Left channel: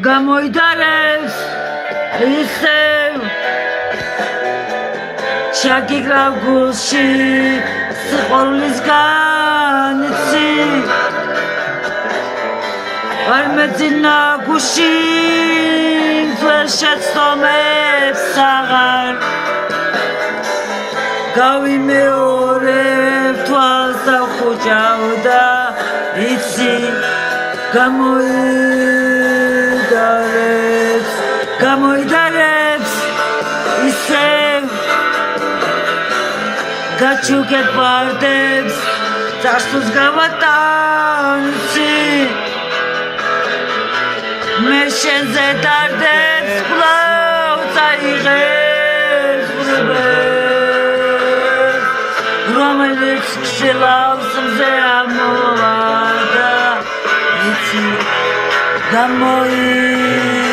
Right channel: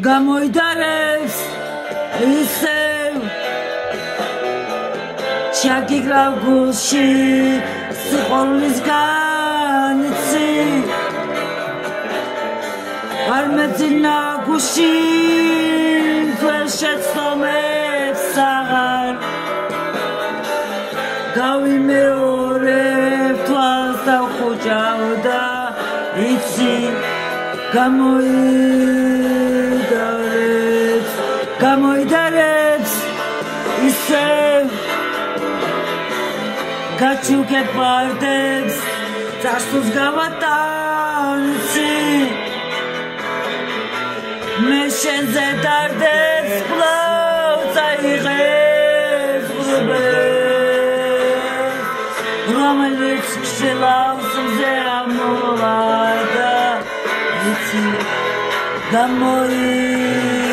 გამოიდარებს ისევ ჩაგიგრავ გულში სიყვარულისგან იცი არ მეძინა გუში შეცდომებს აღარ გავიმეორებ თვალს დავხუჭავ და იცი გამოიდარებს ისევ გაჩუქებ ვარდებს წარსულს გავატანცი მე შენზე დარდებს კვლავ წაიღებს ბრბებს რომელიც ხსილავს მზე ამოვა და იცი გამოიდარებს